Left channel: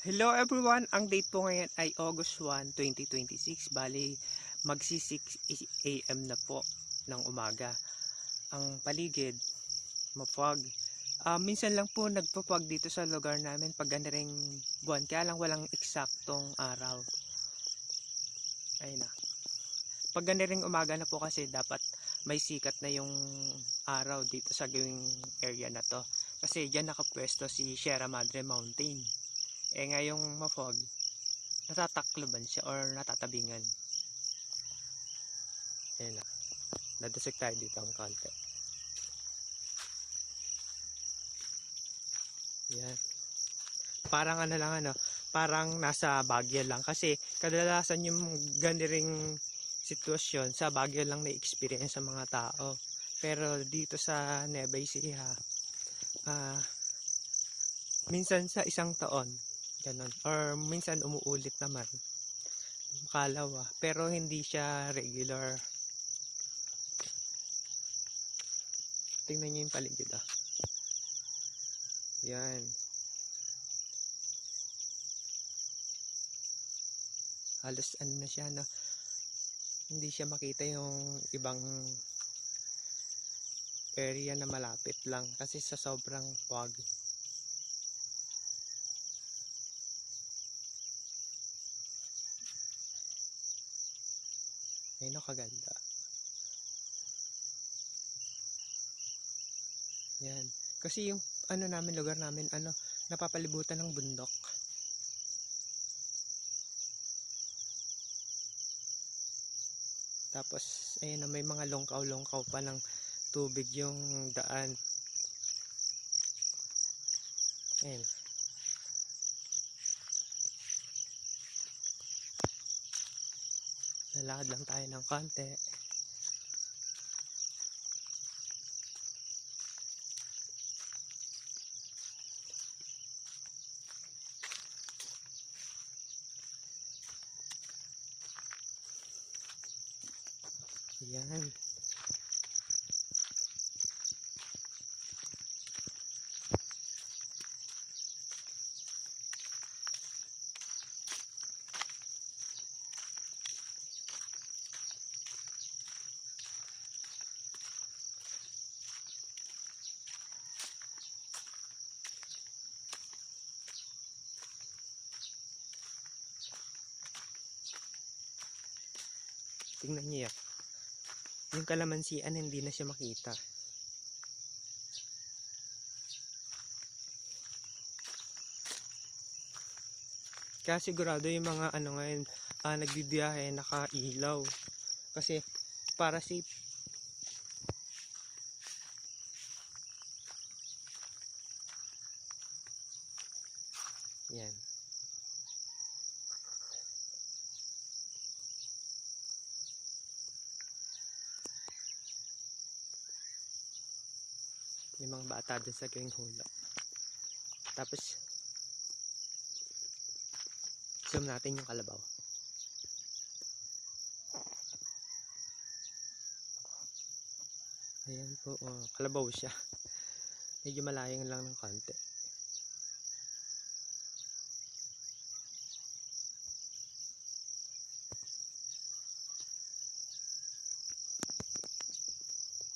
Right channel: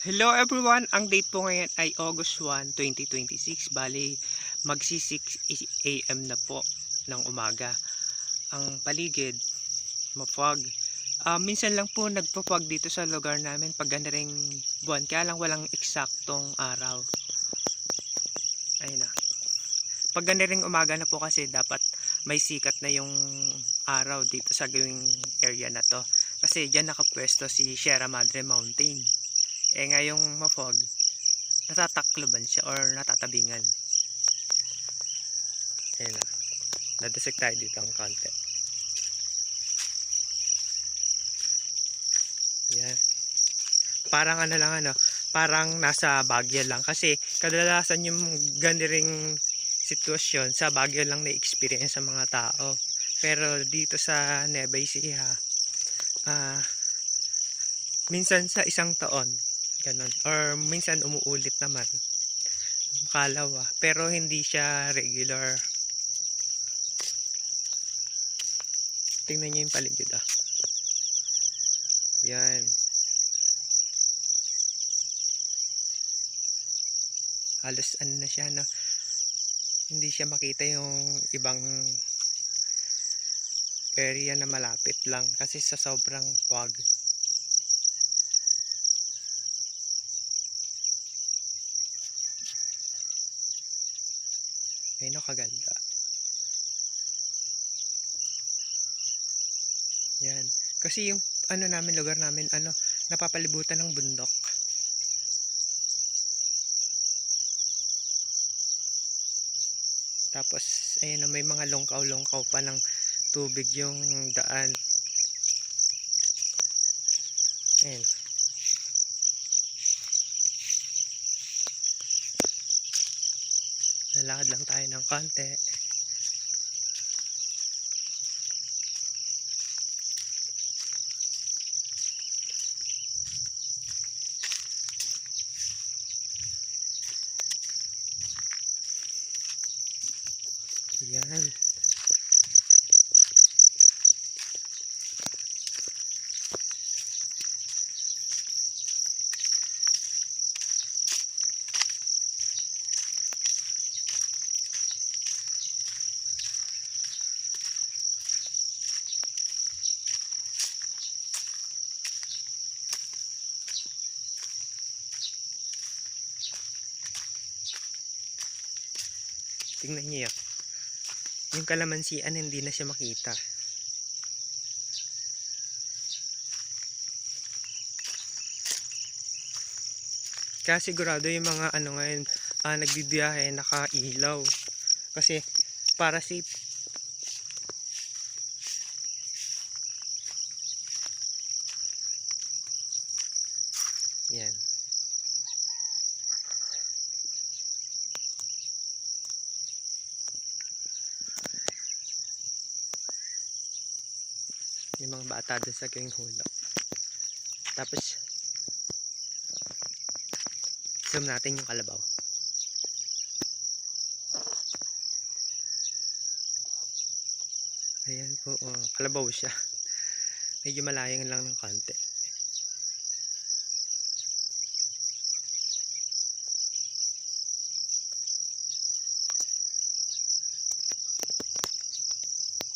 Hello everyone! Ang date po ngayon ay August 1, 2026. Bali, magsi 6 AM na po ng umaga. Ang paligid, mapag. Minsan lang po nagpapag dito sa lugar namin pag ganda ring buwan. Kaya lang walang eksaktong araw. Ayun na. Pag ganda ring umaga na po kasi dapat may sikat na yung araw dito sa gawing area na to. Kasi dyan nakapwesto si Sierra Madre Mountain. Ngayong mafog, natatakloban siya or natatabingan. Ayun na. Nadasig tayo dito ang konti. Yan. Parang parang nasa Baguio lang. Kasi kadalasan yung ganiring sitwasyon sa Baguio lang na-experience sa mga tao. Pero dito sa Nueva Ecija, minsan sa isang taon, ganon. Or minsan umuulit naman. Makalawa. Pero hindi siya regular. Tingnan nyo yung paligid Yan. Halos na siya hindi siya makita yung ibang area na malapit lang kasi sa sobrang fog. Ay, kaganda. Yan. Kasi yung lugar namin, napapalibutan ng bundok. Tapos, ayun may mga longkaw-longkaw pa ng tubig yung daan. Ayun. Lalakad lang tayo ng konti. Yan. Tingnan niyo yung kalamansian, hindi na siya makita. Kaya sigurado yung mga ngayon nagbibiyahe nakailaw kasi para safe. Yan. Yung mga bata doon sa gawing hulog. Tapos isam natin yung kalabaw. Ayan po, kalabaw siya. Medyo malayang lang ng konti.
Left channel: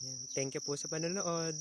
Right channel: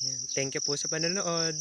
Ayan. Thank you po sa panonood.